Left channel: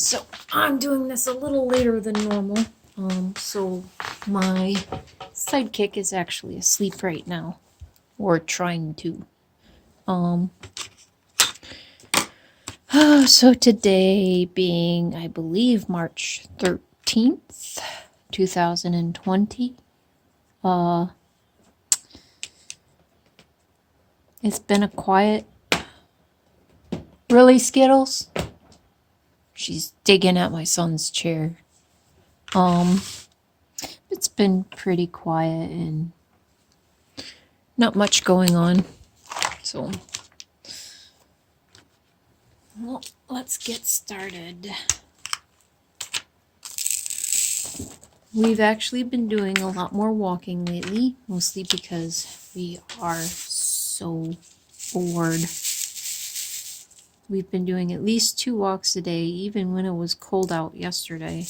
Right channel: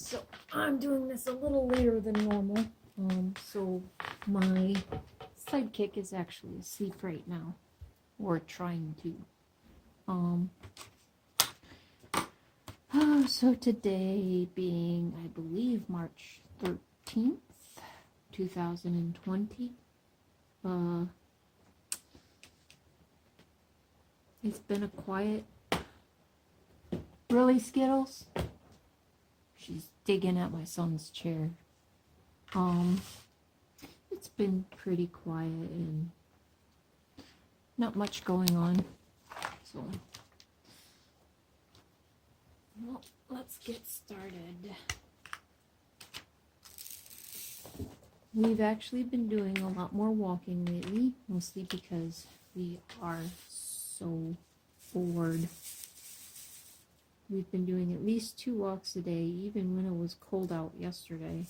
So I'm doing this a little later than normal. So my sidekick is actually asleep right now, or trying to. So today being, I believe, March 13th, 2020. It's been a quiet, really, Skittles? She's digging at my son's chair. It's been pretty quiet and not much going on. So, well, let's get started. We've actually been doing a lot more walking lately, mostly because we are so bored. We've been doing at least 2 walks a day, even when it was cold out yesterday.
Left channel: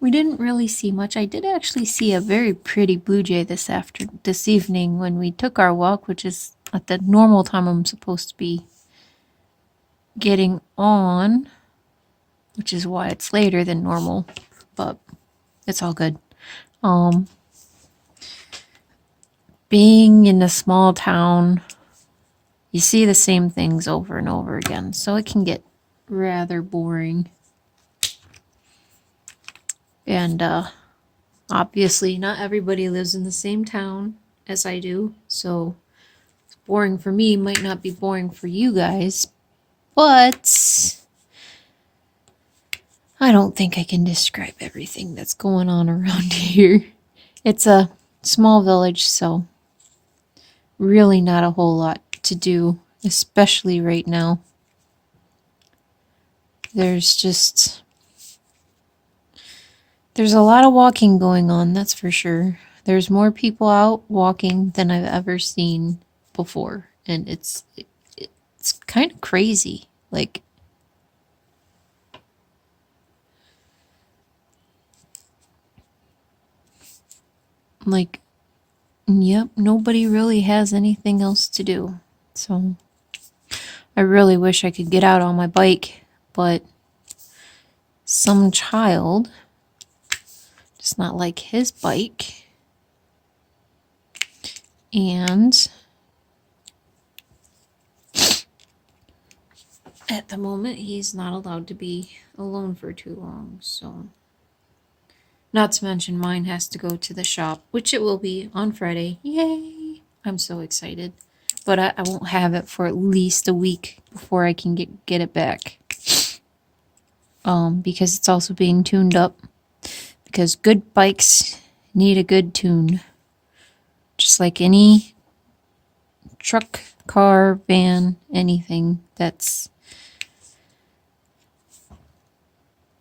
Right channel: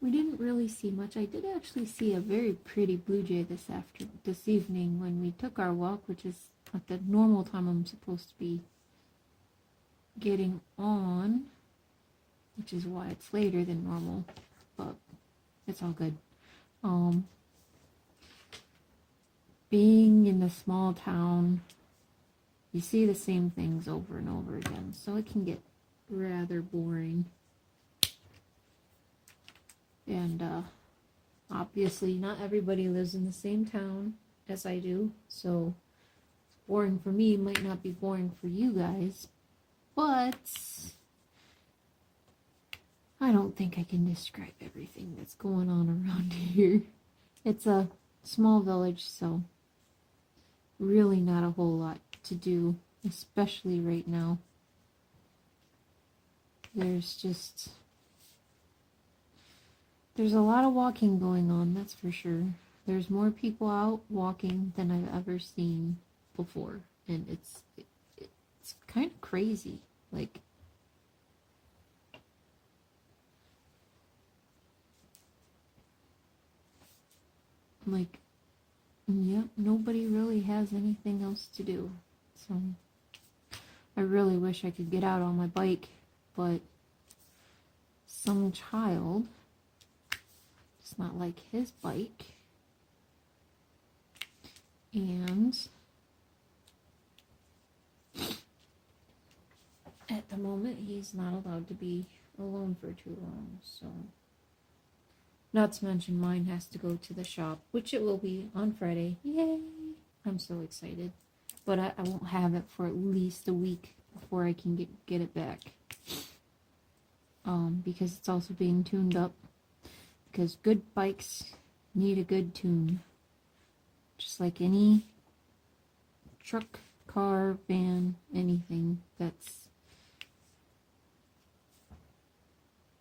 We didn't really see much. I did actually see a very pretty blue jay this evening when we took our walk, which is at the normal time I'm supposed to be getting on, which is why it's later than normal, but it's all good. Being in a small town, you see the same things over and over again, so it can get rather boring. And obviously not everybody lives in the same town as I do, so boring for me might not be boring for you guys, but I don't think I can describe everything that's going on around here. It's a small village, so really not a whole lot to do, especially right now. There's a lot of walking going on, that's for sure. There's more people out walking than I've ever seen before, and it's kind of crazy. Like, yep, nobody really has anything else to do. So I really wish I could get out on my bike, but some child does not like his bike, and at the moment he's not allowed to be alone for too long. So, not to mention mine has to go to the shop, which it will be on Friday. Yay! I'm so excited. But I won't have it for at least a week before I can get it back. Because it's also being tuned up. Because good bikes need a good tune. Just like any truck, car, van, anything that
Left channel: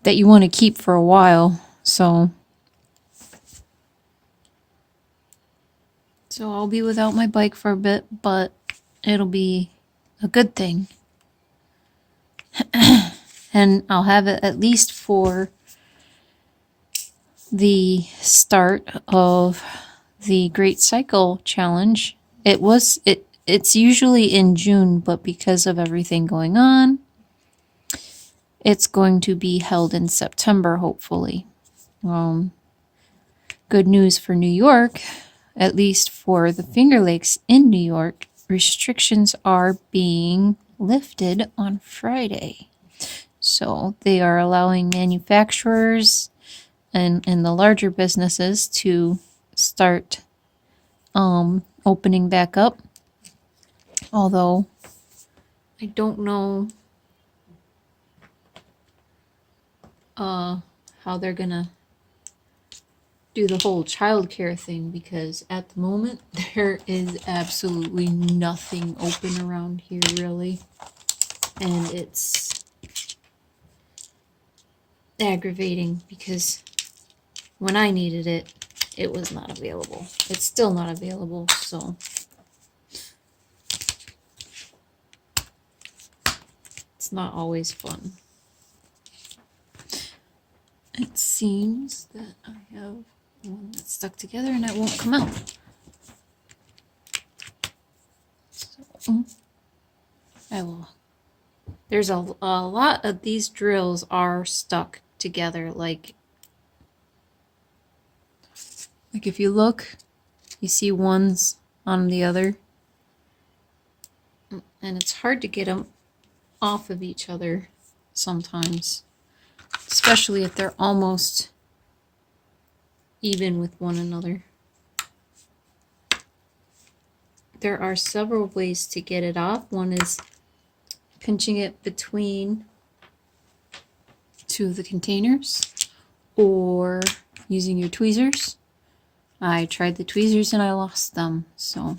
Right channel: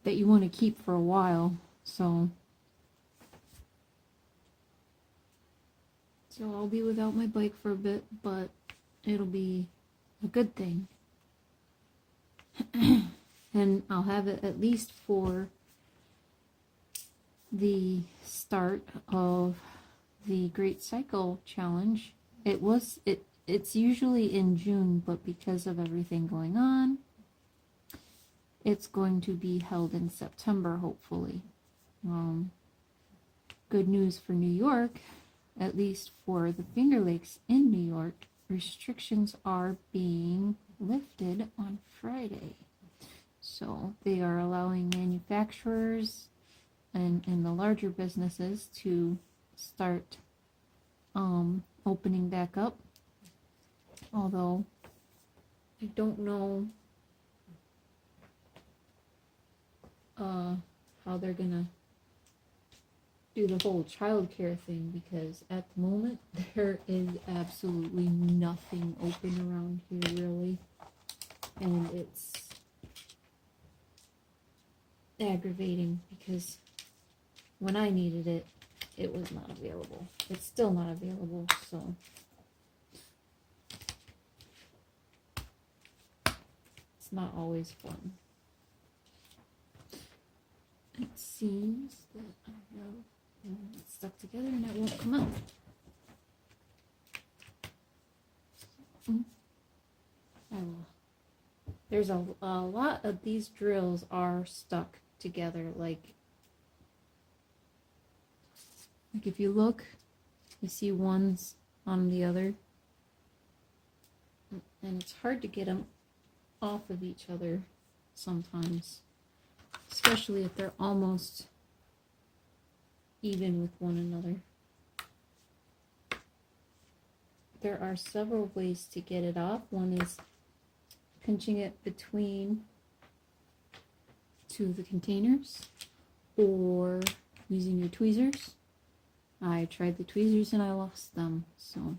you want to keep for a while. So I'll be without my bike for a bit, but it'll be a good thing. And I'll have it at least for the start of the Great Cycle Challenge. It's usually in June, but because of everything going on, it's going to be held in September, hopefully. Good news for New York, at least for the Finger Lakes in New York, restrictions are being lifted on Friday. So they are allowing manufacturers and the larger businesses to start opening back up. Although I don't know how they're gonna do the whole childcare thing, because at the moment there is absolutely nothing open around here really, and it's aggravating because when I needed it, it was not available. It's still not available, so it's not always fun. It seems that I have one that's stuck together and it won't come out. So, I will. There's a lot of these drills are stuck together. Like if you look, you see ones on the other. And it's hard to get them off of each other sometimes. Especially if they're almost even with one another. There are several ways to get it off. One is pinching it between two of the containers or using your tweezers. I tried the tweezers and I lost them, so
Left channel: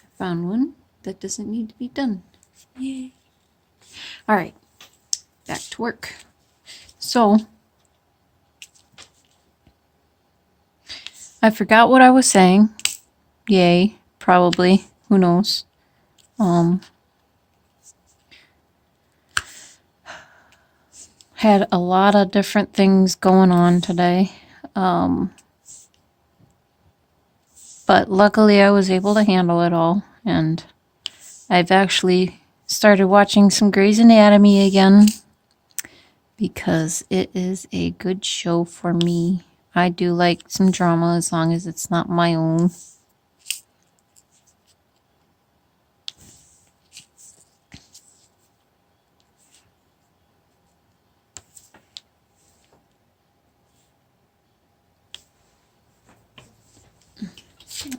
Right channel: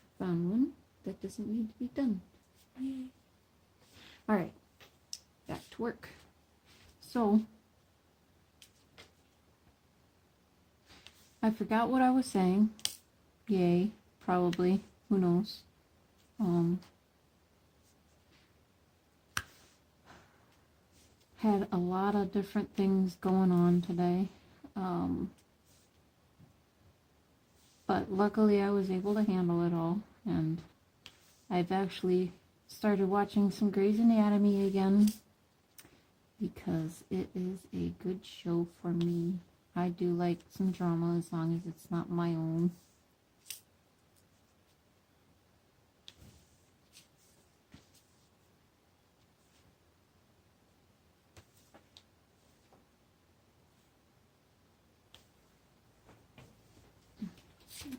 I found one that doesn't need to be done. Yay. All right, back to work. So I forgot what I was saying. Yay, probably. Who knows? Had a lot of different things going on today. But luckily I was able to handle it all, and I've actually started watching some Grey's Anatomy again because it is a good show for me. I do like some drama as long as it's not my own.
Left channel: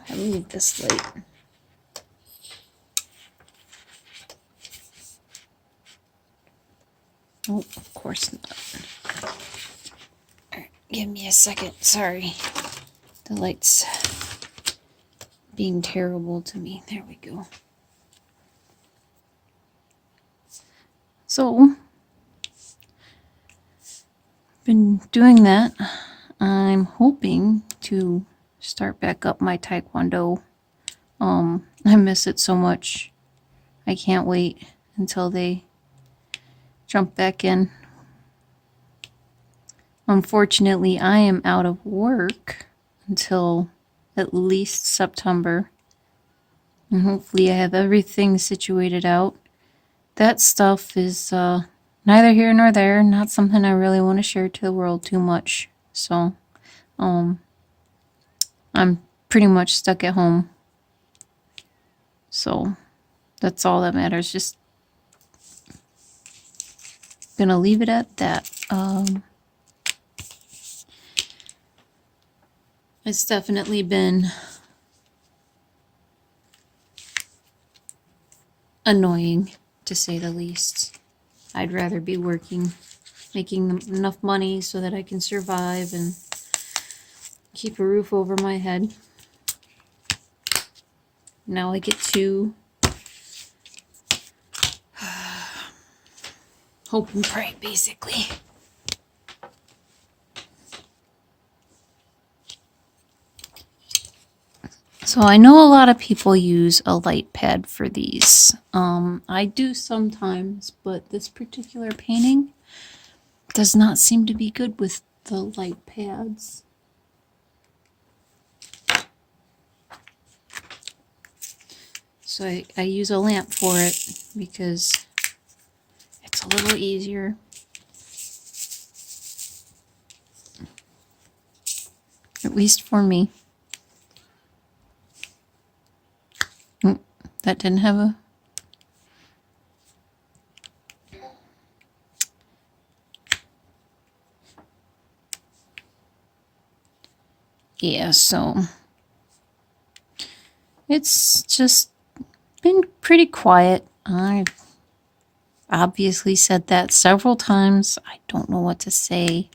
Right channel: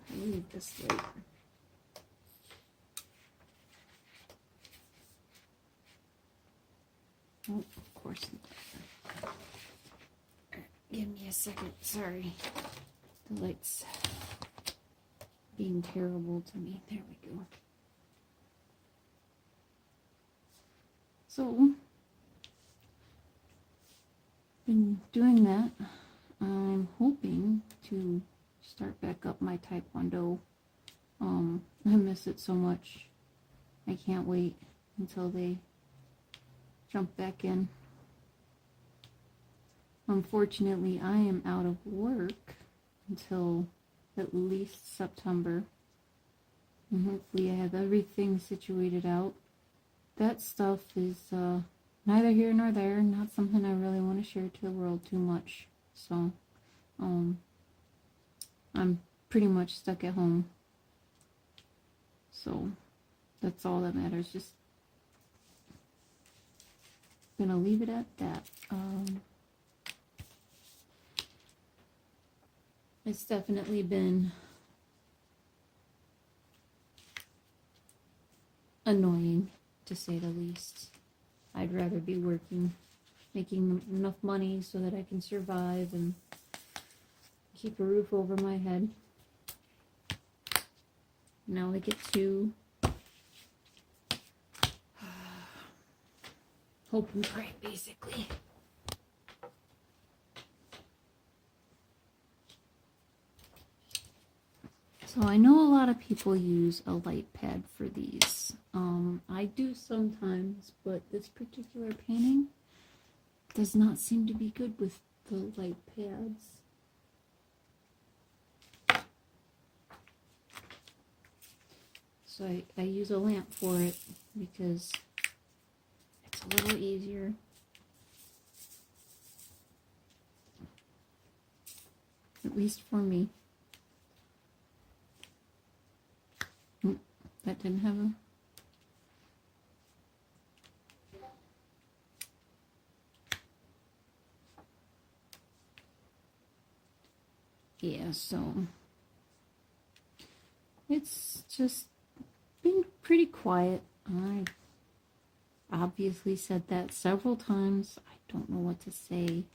I leave this light. Oh, of course not. All right, give me a second. Sorry. The light's being terrible to me. There we go. So, been doing that. I'm hoping to start back up my Taekwondo. I miss it so much. I can't wait until they jump back in. Unfortunately, I am out of work until at least September. And hopefully I have everything situated out. That stuff is neither here nor there. Not something I really want to share to the world too much. So, I'm pretty much stuck at home. So, that's all that matters. Just gonna leave it at that. It's definitely been annoying, to say the least. I'd rather be working, making enough money so that I can survive and keep a roof over my head. Now I get to hope and pray, basically. So I know a lot of people use a light pad for these. I do sometimes, but this particular painting does not seem to be good with the light pads. So I use a lamp for it because it's a little easier. At least for me. That didn't have a... Yeah, so it's just been pretty quiet. I've obviously said that several times. I don't know what to say.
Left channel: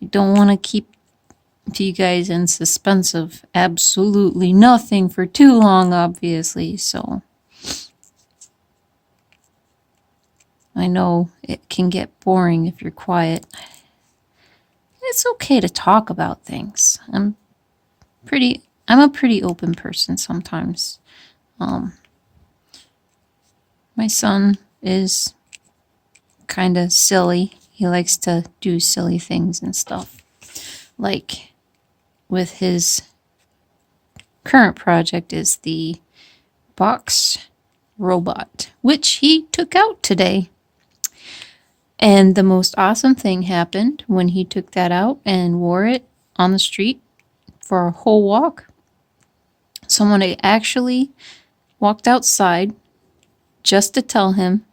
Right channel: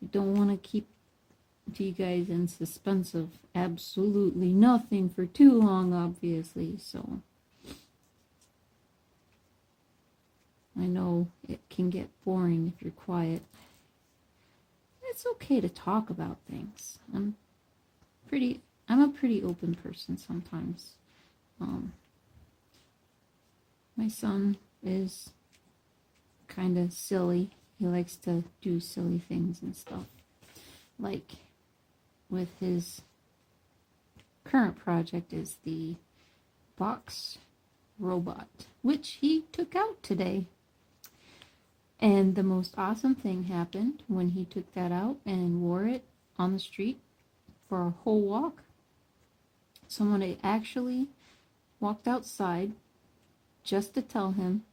I don't want to keep you guys in suspense of absolutely nothing for too long, obviously, so I know it can get boring if you're quiet. It's okay to talk about things. I'm a pretty open person sometimes. My son is kind of silly. He likes to do silly things and stuff. Like with his current project is the box robot, which he took out today. And the most awesome thing happened when he took that out and wore it on the street for a whole walk. Someone actually walked outside just to tell him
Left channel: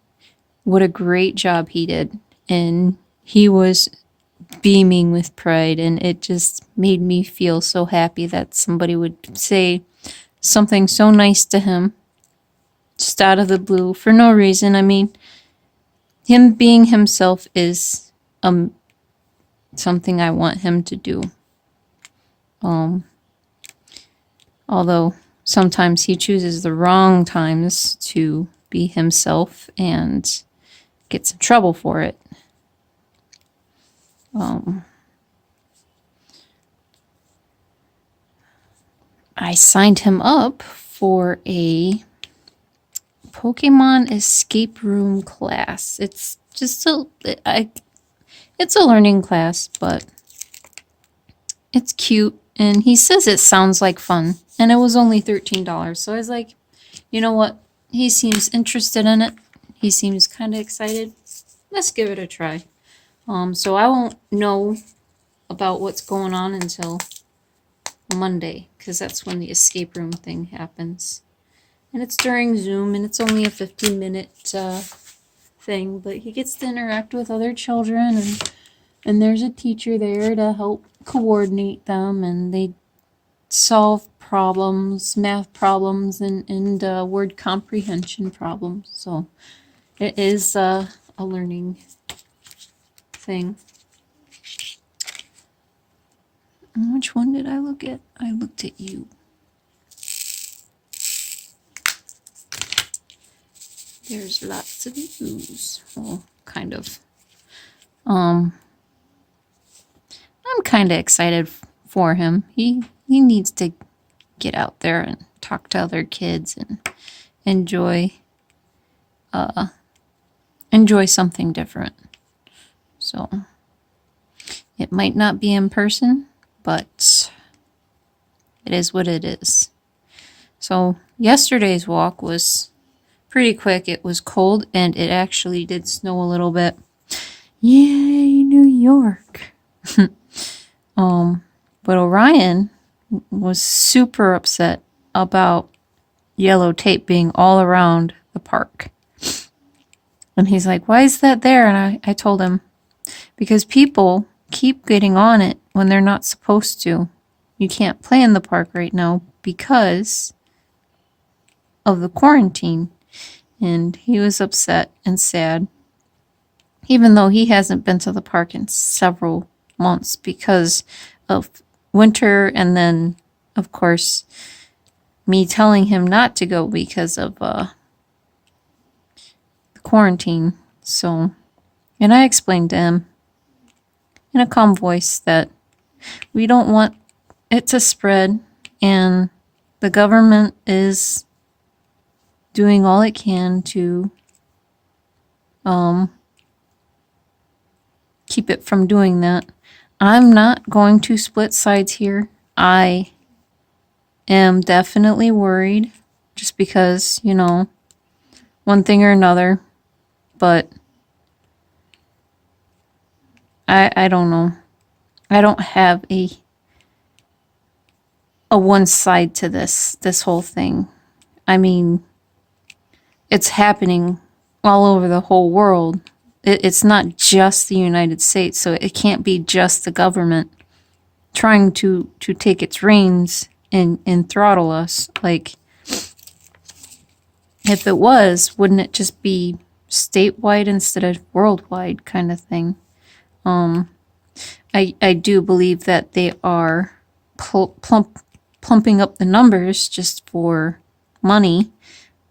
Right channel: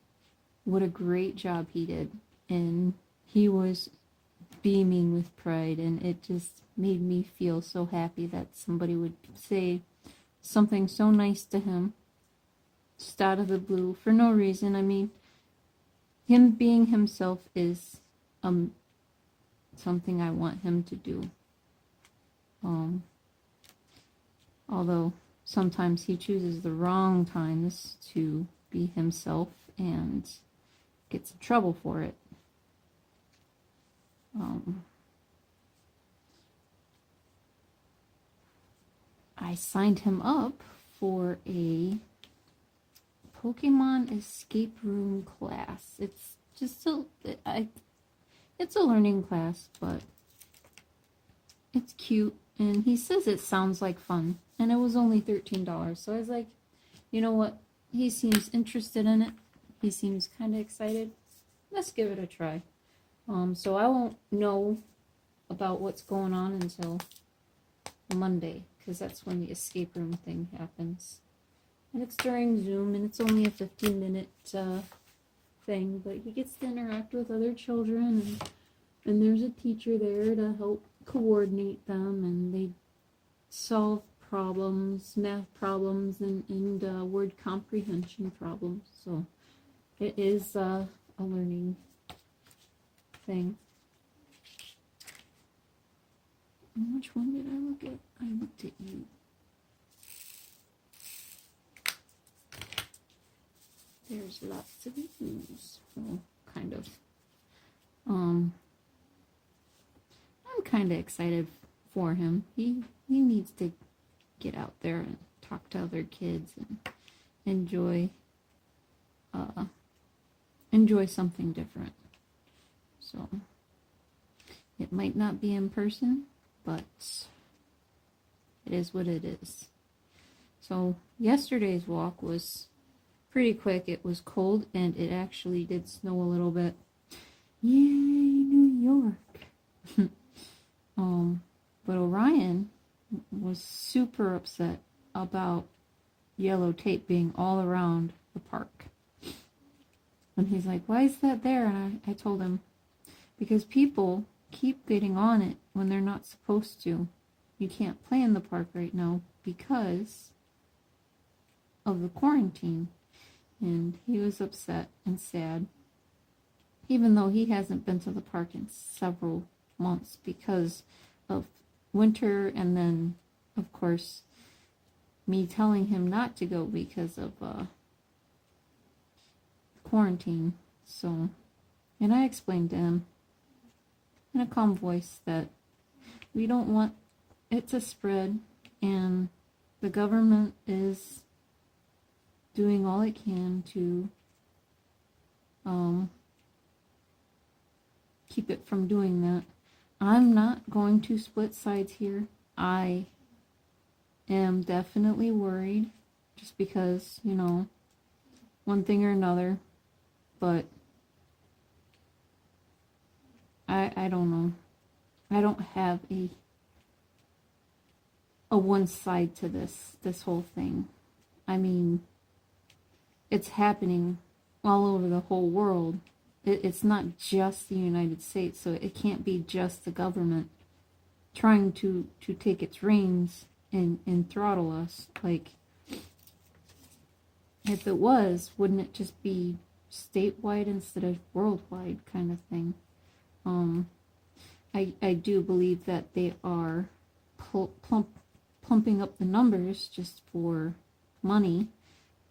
what a great job he did. And he was beaming with pride, and it just made me feel so happy that somebody would say something so nice to him just out of the blue for no reason. I mean, him being himself is something I want him to do. Although sometimes he chooses the wrong times to be himself and gets in trouble for it. I signed him up for a Pokemon escape room class. It's just it's a learning class, but it's cute, and he says it sounds like fun, and it was only $13. So I was like, you know what? He seems interested in it. He seems kind of excited. Let's give it a try. So I won't know about what's going on until Monday, because that's when the escape room thing happens. And it's during Zoom, and it's only a 15-minute thing, but he gets to interact with other children, and there's a teacher there to help coordinate them, and they solve problems, math problems, and word comprehension problems. So it is a learning thing. And which one did I look at? I looked at you. There's lots of news. Well, kind of. I'm kind of excited for him. He needs to get out there and talk to other kids and enjoy something different. So it might not be in person, but it is what it is. So yesterday's walk was pretty quick. It was cold, and it actually did snow a little bit. Yay, New York. But Orion was super upset about yellow tape being all around the park. And he's like, why is that there? And I told him, because people keep getting on it when they're not supposed to. You can't play in the park right now because of the quarantine. And he was upset and sad, even though he hasn't been to the park in several months because of winter, and then, of course, me telling him not to go because of the quarantine. So, and I explained to him in a calm voice that we don't want it to spread, and the government is doing all it can to keep it from doing that. I'm not going to split sides here. I am definitely worried just because, one thing or another, but I don't know. I don't have a one side to this whole thing. I mean, it's happening all over the whole world. It's not just the United States, so it can't be just the government trying to take its reins and throttle us. Like, if it was, wouldn't it just be statewide instead of worldwide kind of thing? I do believe that they are plumping up the numbers just for money,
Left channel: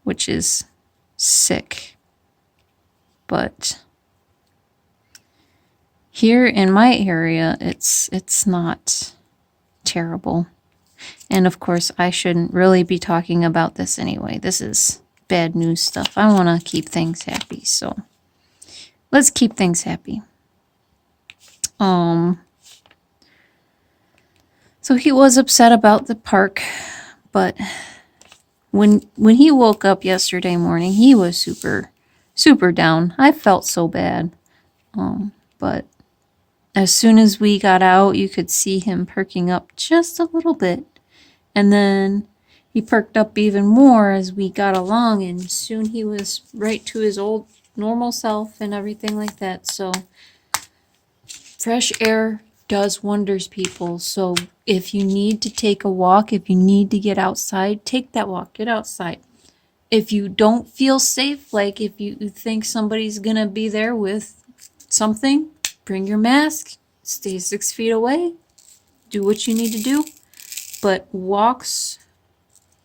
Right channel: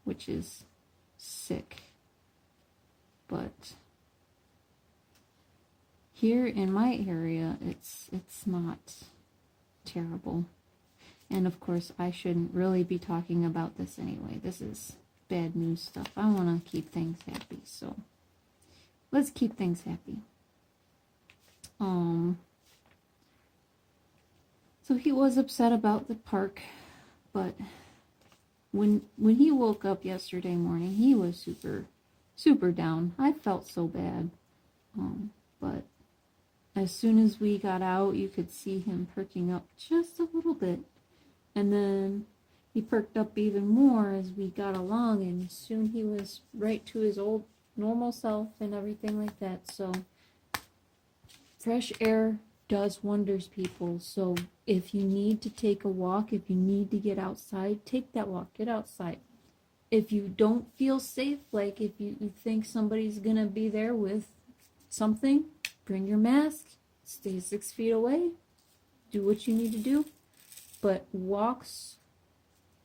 which is sick. But here in my area, it's not terrible. And of course, I shouldn't really be talking about this anyway. This is bad news stuff. I want to keep things happy, so let's keep things happy. So So he was upset about the park, but when he woke up yesterday morning, he was super down. I felt so bad. But as soon as we got out, you could see him perking up just a little bit. And then he perked up even more as we got along, and soon he was right to his old normal self and everything like that. So fresh air does wonders, people. So if you need to take a walk, if you need to get outside, take that walk, get outside. If you don't feel safe, like if you think somebody's gonna be there with something, bring your mask, stay 6 feet away, do what you need to do. But walks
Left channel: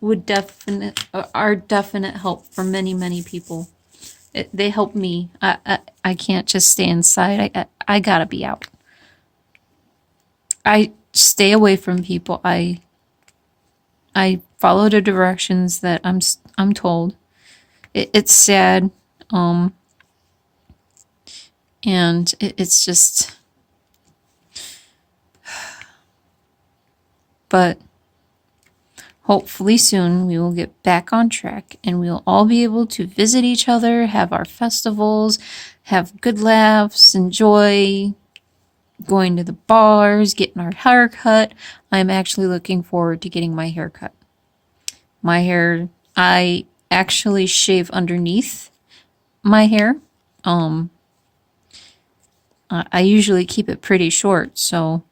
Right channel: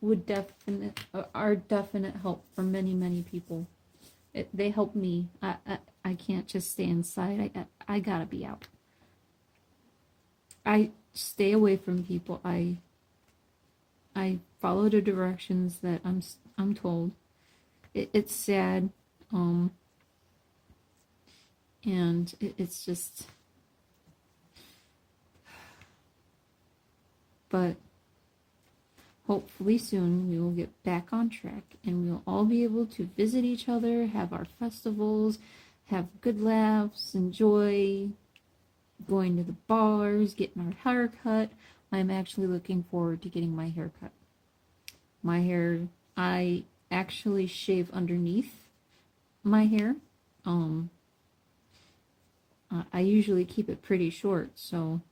are definite help for many people. They help me. I can't just stay inside. I gotta be out. I stay away from people. I follow the directions that I'm told. It's sad, and it's just. But hopefully soon we will get back on track and we'll all be able to visit each other, have our festivals, have good laughs, enjoy going to the bars, getting our hair cut. I'm actually looking forward to getting my hair cut. My hair, I actually shave underneath my hair. I usually keep it pretty short, so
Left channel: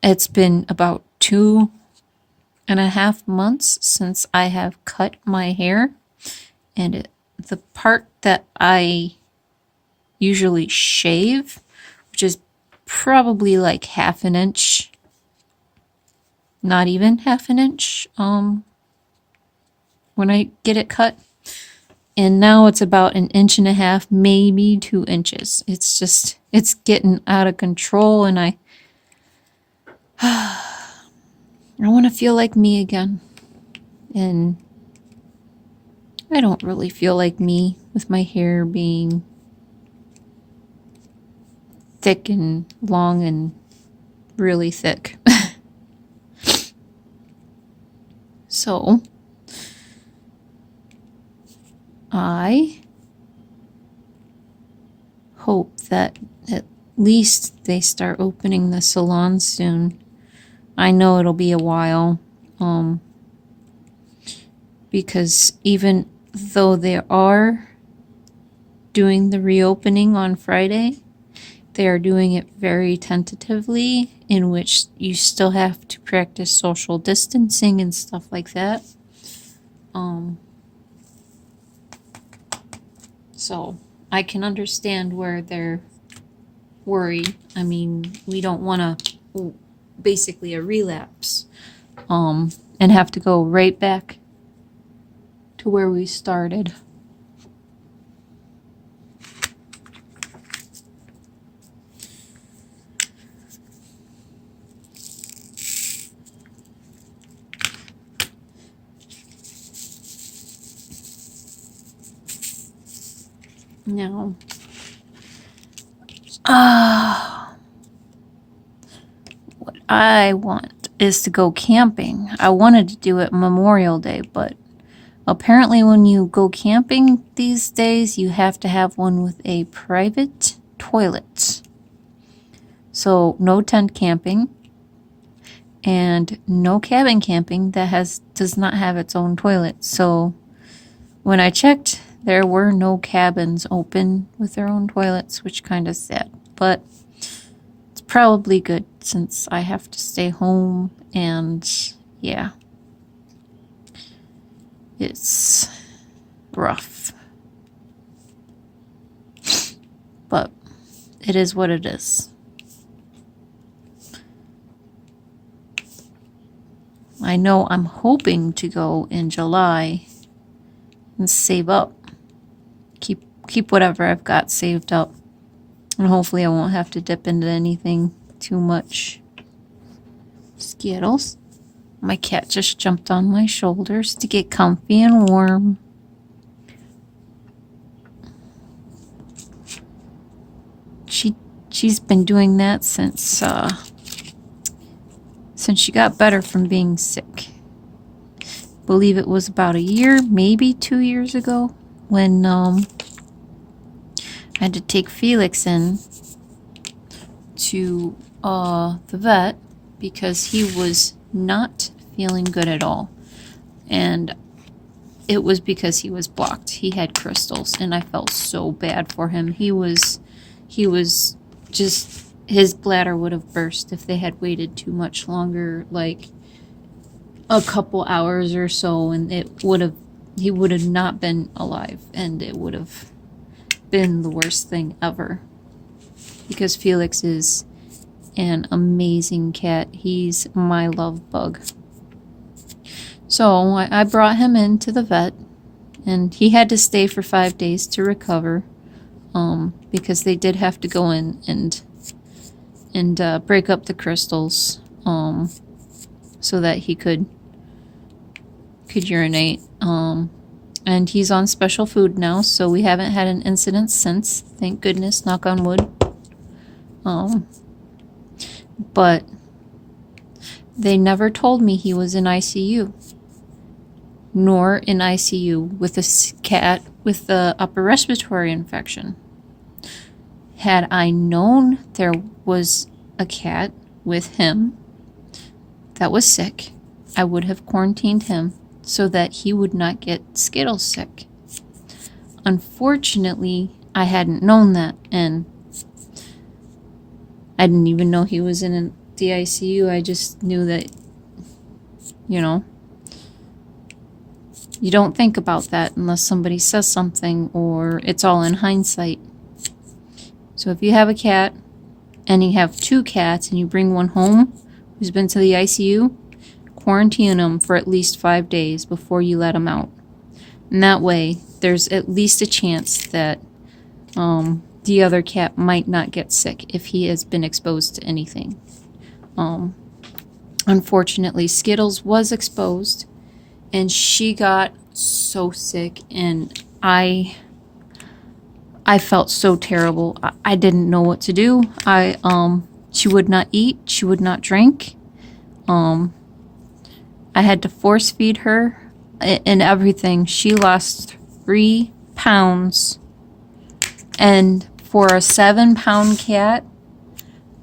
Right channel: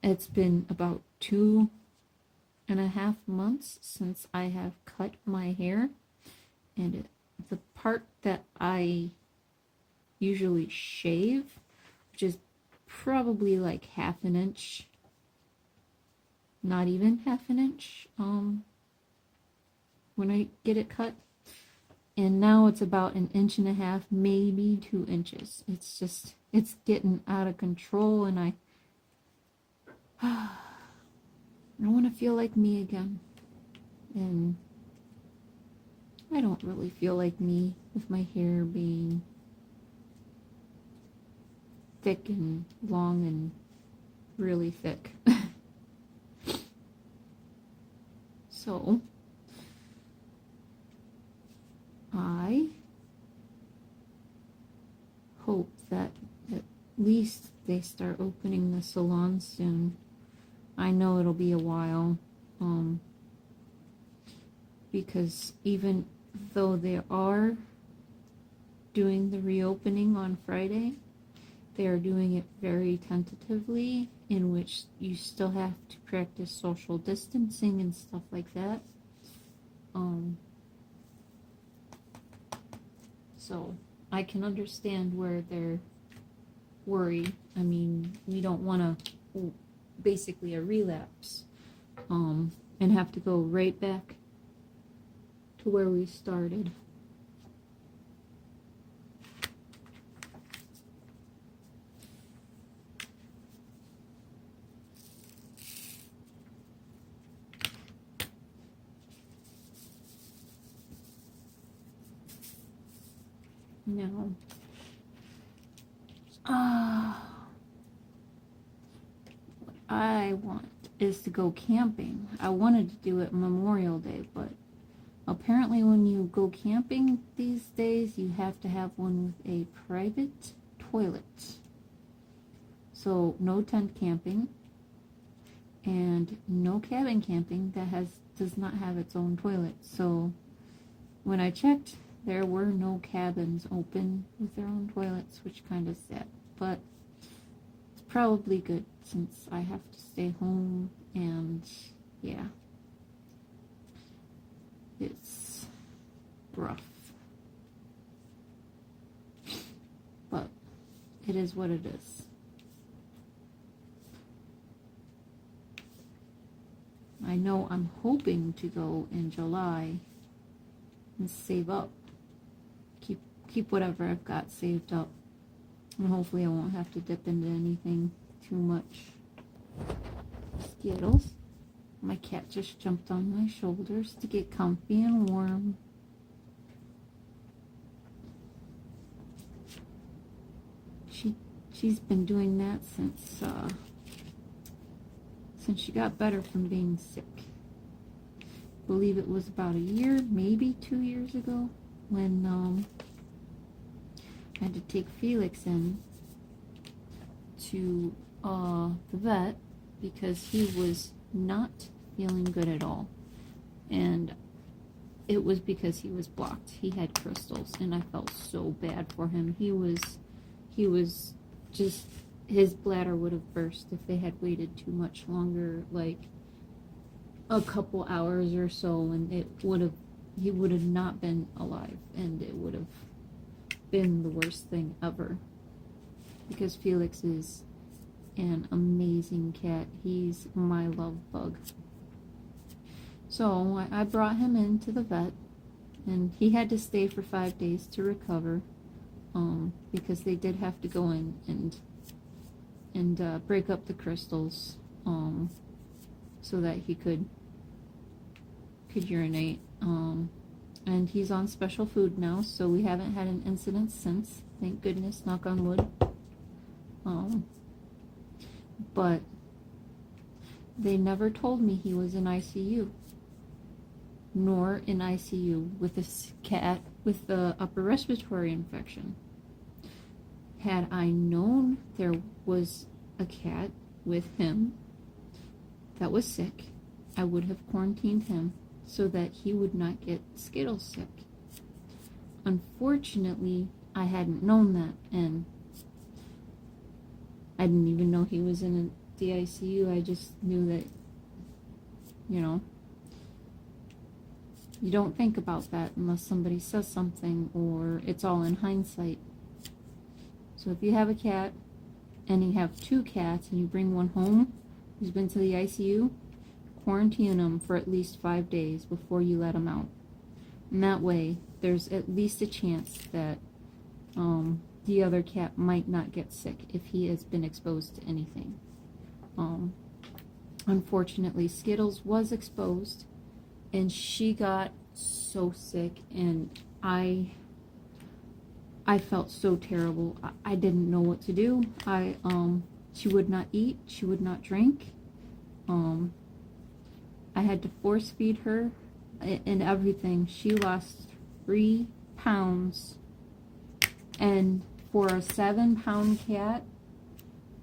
it's been about 2.5 months since I have cut my hair, and the part that I usually shave, which is probably like half an inch, not even half an inch, when I get it cut, and now it's about 1.5 inches, maybe 2 inches. It's getting out of control, and I want to feel like me again. And I don't really feel like me with my hair being thick and long and really thick. So I hope that at least they start opening the salon soon. I know it'll be a while, because even though they are doing the reopening on Friday, they are doing it very tentatively, in which you still have to practice social distancing and stuff like that. So I can understand where they're worried. I mean, we don't want to basically a relapse, and have to go right back to where we started. Now, what I want is to go camping. I wanted to do it Memorial Day, but apparently when you go camping these days, you have to have one with a private toilet. So no tent camping and no cabin camping that does not have its own toilet. So when I checked, there were no cabins open with their own toilets, which kind of sad. But it's probably good since I have to stay home, and yeah, it's rough. But it is what it is. I know I'm hoping to go in July and save up. Keep whatever I've got saved up. And hopefully I won't have to dip into anything too much. Skittles. My cat just jumped on my shoulders to get comfy and warm. She's been doing that since since she got better from being sick. Believe it was about a year, maybe 2 years ago, when I had to take Felix in to the vet because he was not feeling good at all. And it was because he was blocked. He had crystals, and I felt so bad for him. He was just, his bladder would have burst if they had waited too much longer, like a couple hours or so, and he would have not been alive, and it would have been the worst thing ever. Because Felix is an amazing cat. He's my love bug. So I brought him into the vet, and he had to stay for 5 days to recover, because they did have to go in and break up the crystals, so that he could urinate. And he's on special food now, so we haven't had an incident since. Thank goodness, knock on wood. But they never told me he was in ICU, nor in ICU with a cat with the upper respiratory infection. Had I known there was a cat with him that was sick, I would have quarantined him so that he would not get Skittles sick. Unfortunately, I hadn't known that, and I didn't even know he was in the ICU. I just knew that, you don't think about that unless somebody says something, or it's all in hindsight. So if you have a cat, and you have 2 cats, and you bring one home who's been to the ICU, quarantine them for at least 5 days before you let them out. And that way, there's at least a chance that the other cat might not get sick if he has been exposed to anything. Unfortunately, Skittles was exposed, and she got so sick, and I felt so terrible. I didn't know what to do. She would not eat. She would not drink. I had to force feed her and everything. She lost 3 pounds, and for a 7-pound cat,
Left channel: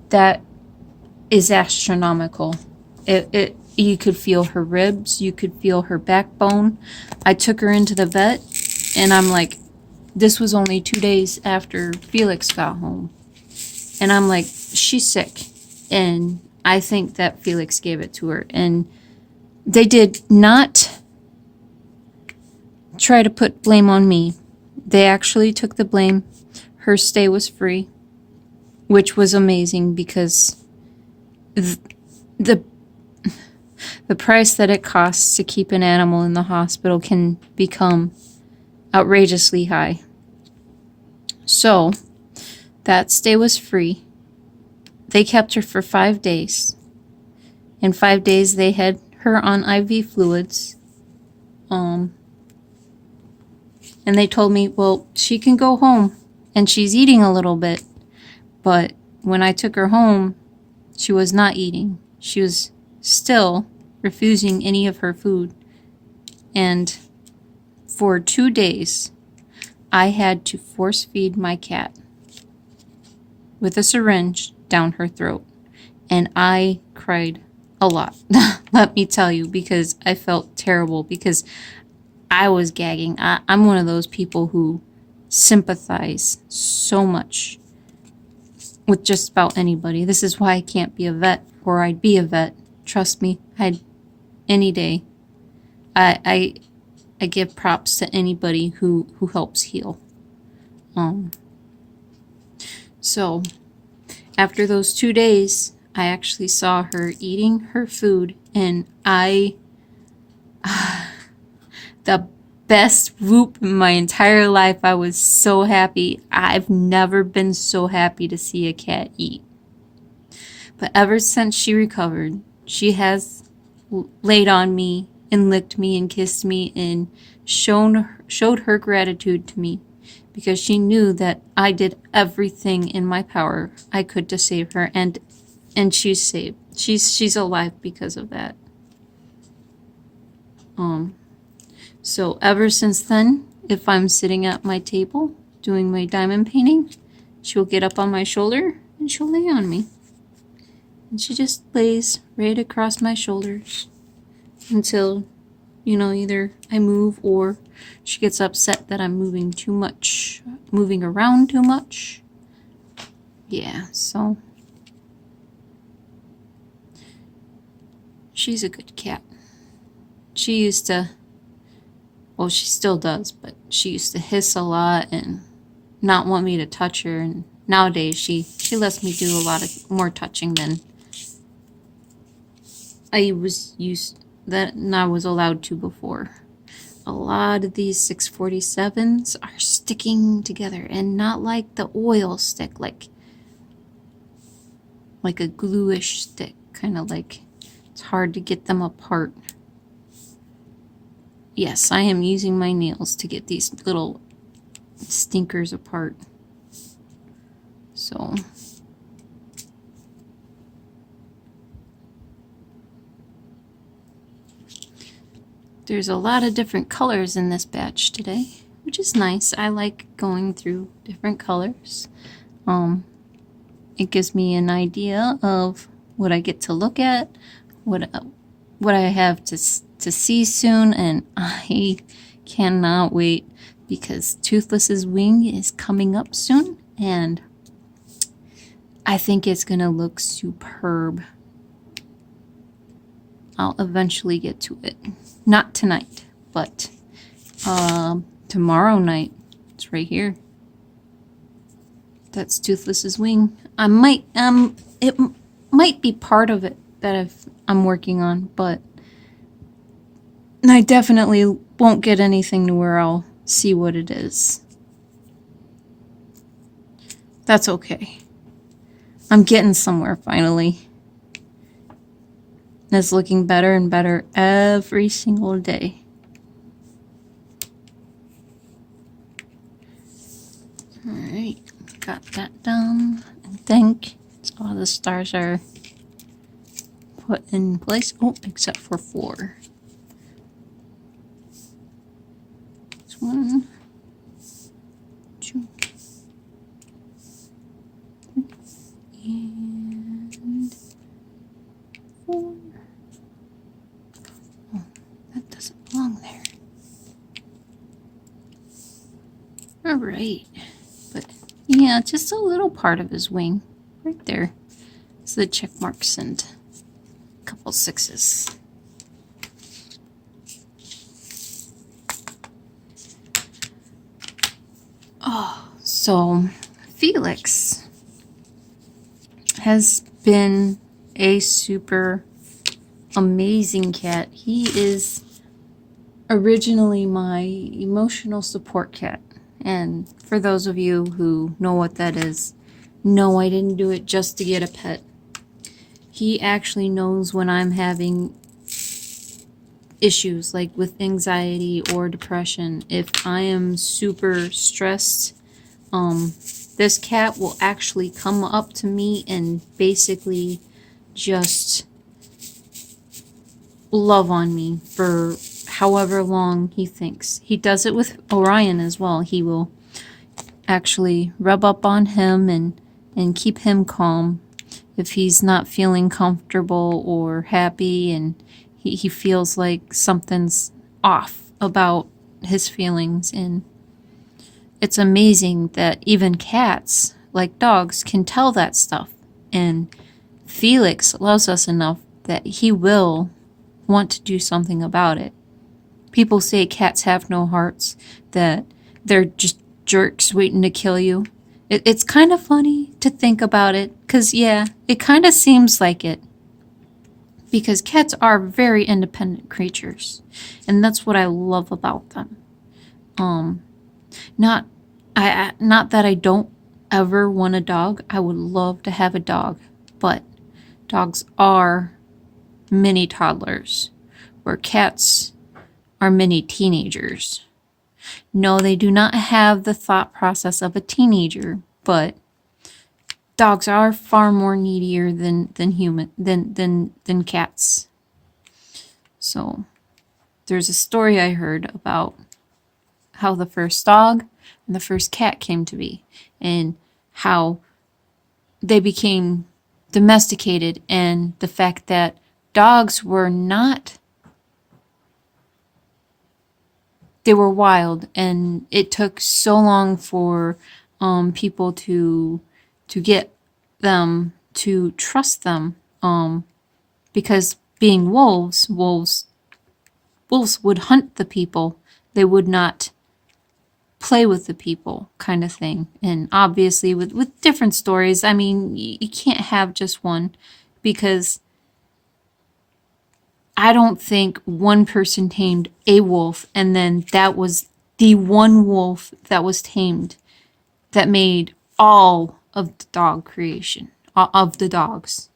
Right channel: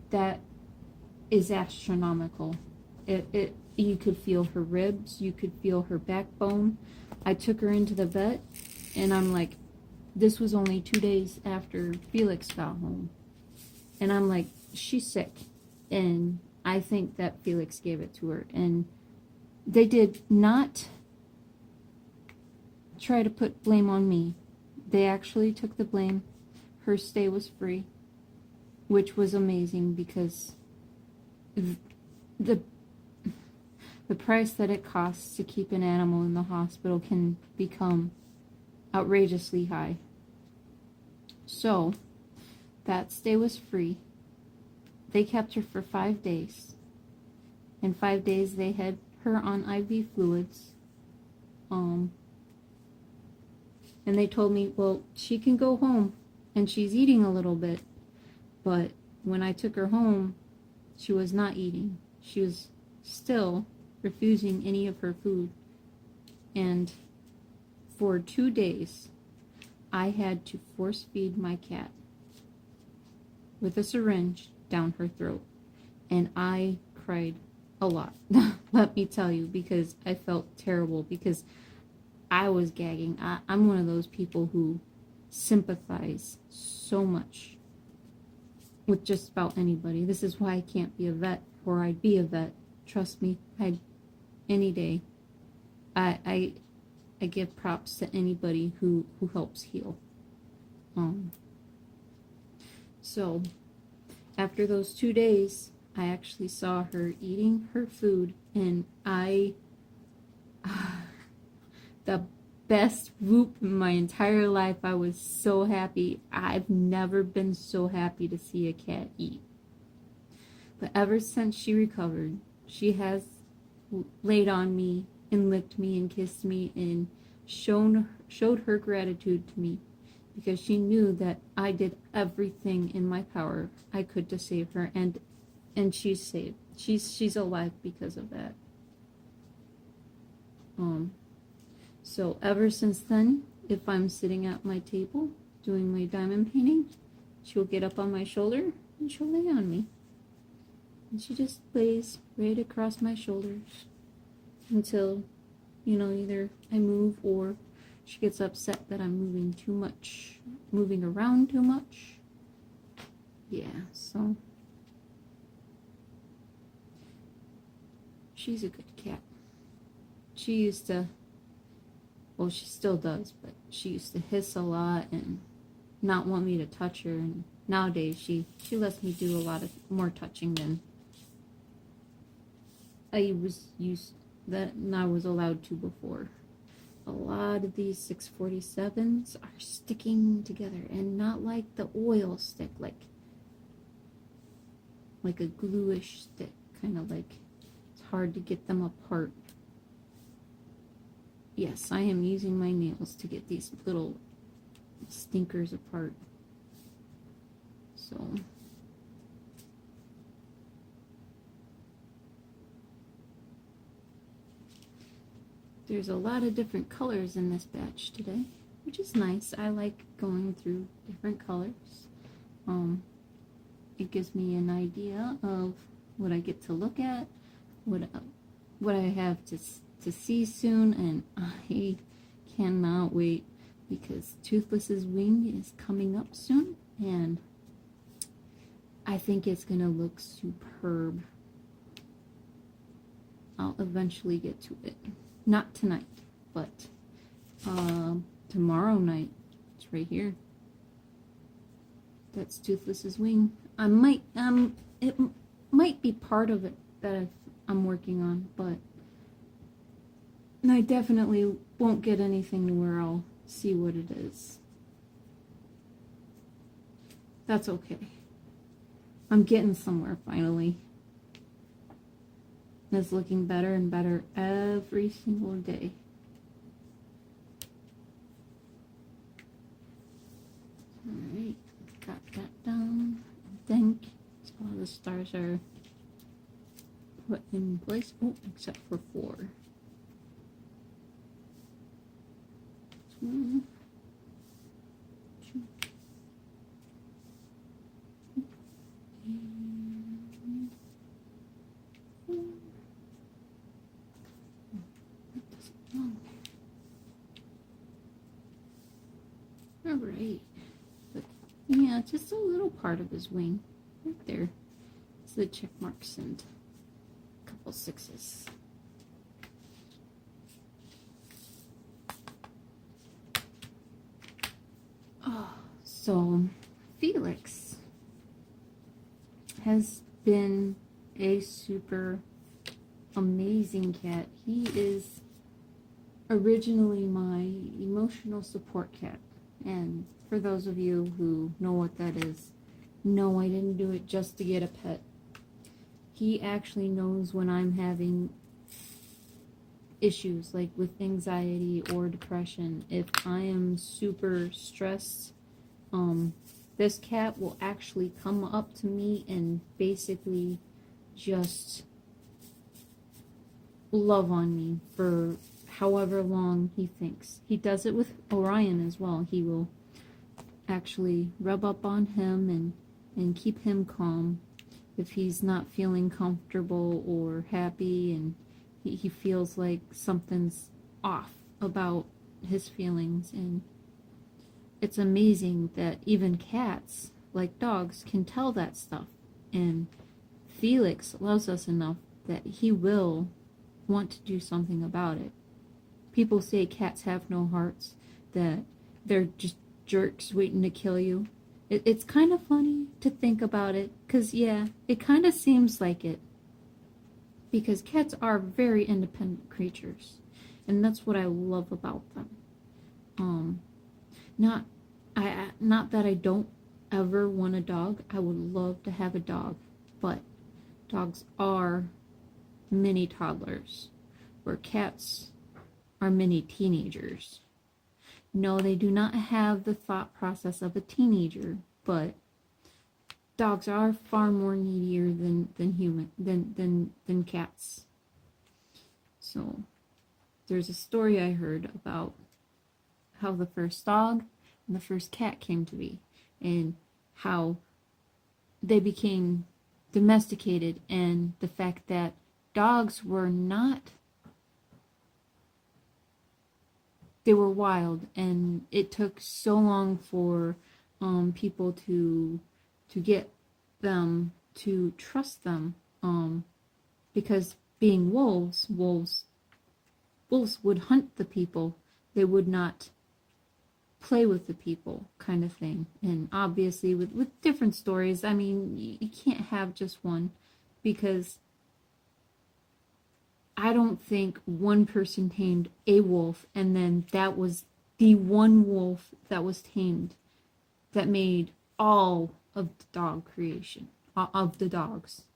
that is astronomical. You could feel her ribs. You could feel her backbone. I took her into the vet, and I'm like, this was only 2 days after Felix got home. And I'm like, she's sick. And I think that Felix gave it to her. And they did not try to put blame on me. They actually took the blame. Her stay was free, which was amazing, because the price that it costs to keep an animal in the hospital can become outrageously high. So that stay was free. They kept her for 5 days. In 5 days, they had her on IV fluids. And they told me, well, she can go home, and she's eating a little bit. But when I took her home, she was not eating. She was still refusing any of her food. And for 2 days, I had to force feed my cat with a syringe down her throat. And I cried a lot, let me tell you, because I felt terrible, because I was gagging. I'm one of those people who sympathize so much with just about anybody. This is why I can't be a vet, or I'd be a vet. Trust me, any day. I give props to anybody who helps heal. So after those 2 days, I actually saw her eating her food, and the best whoop in my entire life. I was so happy. I've never been so happy to see a cat eat. But ever since she recovered, she has laid on me and licked me and kissed me and showed her gratitude to me, because she knew that I did everything in my power I could to save her, and she's saved. She's alive because of that. So ever since then, if I'm sitting at my table doing my diamond painting, she'll get up on my shoulder and she'll lay on me. And she just lays right across my shoulders until, either I move or she gets upset that I'm moving too much, moving around too much. Yeah, so she's a good cat. She used to, well, she still does, but she used to hiss a lot and not want me to touch her. And nowadays she lets me do a lot of more touching than I was allowed to before. A lot of these 647s are sticking together, and not like the oil stick, like a gluish stick, kind of like it's hard to get them apart. Yes, I am using my nails to get these little stinkers apart. So there's a lot of different colors in this batch today, which is nice. I like going through different colors. It gives me an idea of what I get to look at, what I have to see soon, and I cannot wait because Toothless's wing is coming up soon, and I think it's gonna look superb. I'll eventually get to it. Not tonight, but tomorrow night. It's right here. That's Toothless's wing. I might it might be part of it that I'm working on, but I definitely won't get anything to where I'll see what it is. That's okay. I'm getting somewhere finally. It's looking better and better every single day. Alright, got that done. I think all the stars are put in place. Oh, except for 4. It's 1, 2, and 4. Oh, that doesn't belong there. Alright, but yeah, just a little part of his wing right there. So the check marks and a couple 6s. Oh, so Felix has been a super amazing cat. He is originally my emotional support cat. And for those of you who know what that is, no, I didn't do it just to get a pet. He actually knows when I'm having issues like with anxiety or depression. If I am super stressed, this cat will actually come up to me and basically just love on me for however long he thinks. He does it with Orion as well. He will actually rub up on him and keep him calm if he's not feeling comfortable or happy, and he feels like something's off about his feelings. And it's amazing that even cats, like dogs, can tell that stuff. And Felix loves us enough that he will want to do something about it. People say cats have no hearts, that they're just jerks waiting to kill you. It's kind of funny to think about it, because, yeah, it kind of seems like it. Because cats are very independent creatures, and that's what I love about them. Not that I don't ever want a dog. I would love to have a dog, but dogs are mini toddlers, where cats are mini teenagers. No, they do not have the thought process of a teenager, but dogs are far more needier than cats. So there's a story I heard about how the first dog and the first cat came to be, and how they became domesticated, and the fact that dogs were not, they were wild, and it took so long for people to get them to trust them, because being wolves would hunt the people. They would not play with the people, kind of thing. And obviously with different stories, I mean, you can't have just one, because I don't think one person tamed a wolf and then that was the one wolf that was tamed that made all of the dog creation, of the dogs.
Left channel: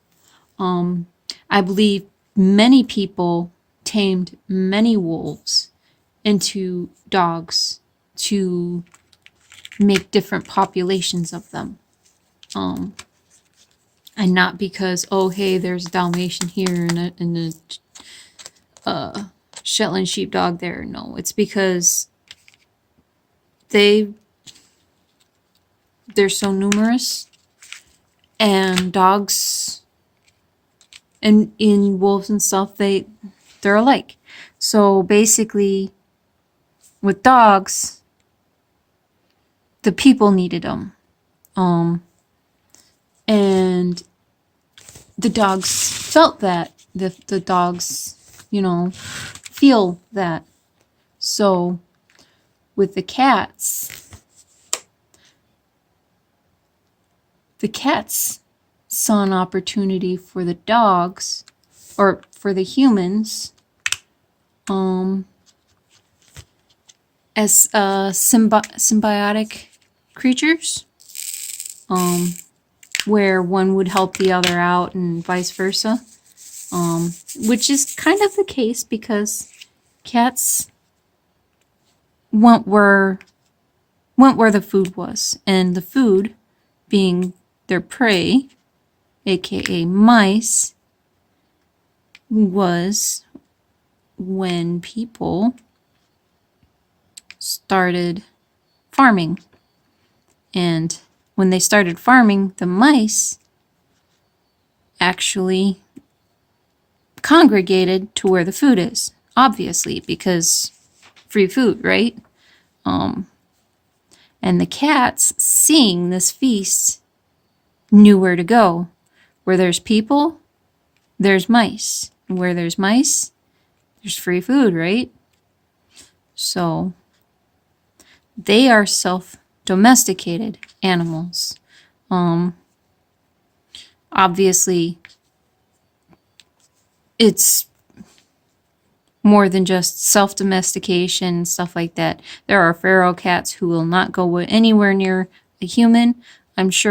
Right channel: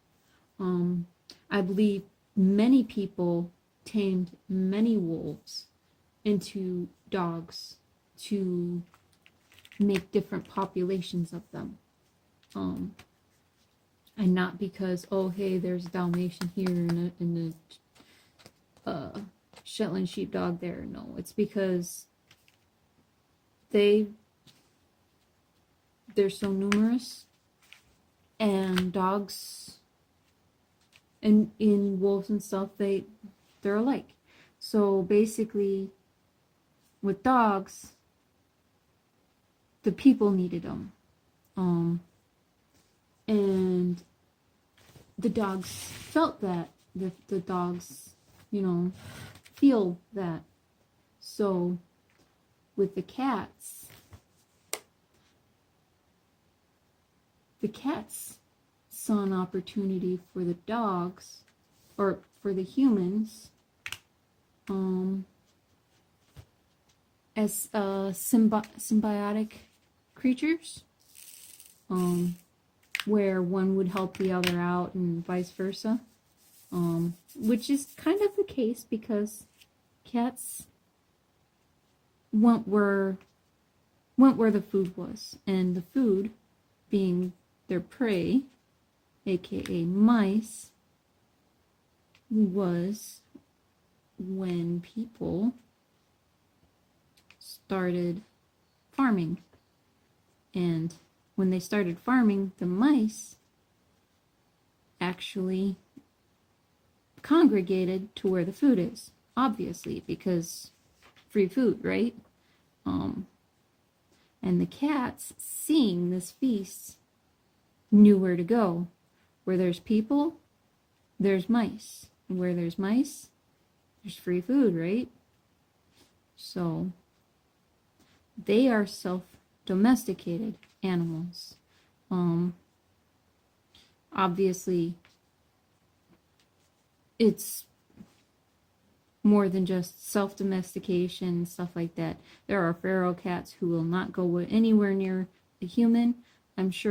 I believe many people tamed many wolves into dogs to make different populations of them. And not because, oh, hey, there's a Dalmatian here and a Shetland sheepdog there. No, it's because they're so numerous, and dogs and in wolves and stuff, they're alike. So basically, with dogs, the people needed them, and the dogs felt that. The dogs, feel that. So with the cats saw an opportunity for the dogs, or for the humans, as symbiotic creatures, where one would help the other out and vice versa, which is kind of the case, because cats went where the food was, and the food being their prey, aka mice, was when people started farming. And when they started farming, the mice actually congregated to where the food is, obviously, because free food, right? And the cats, seeing this feast, knew where to go. Where there's people, there's mice. And where there's mice, there's free food, right? So they are self-domesticated animals. Obviously, it's more than just self-domestication, stuff like that. There are feral cats who will not go anywhere near a human. I'm sure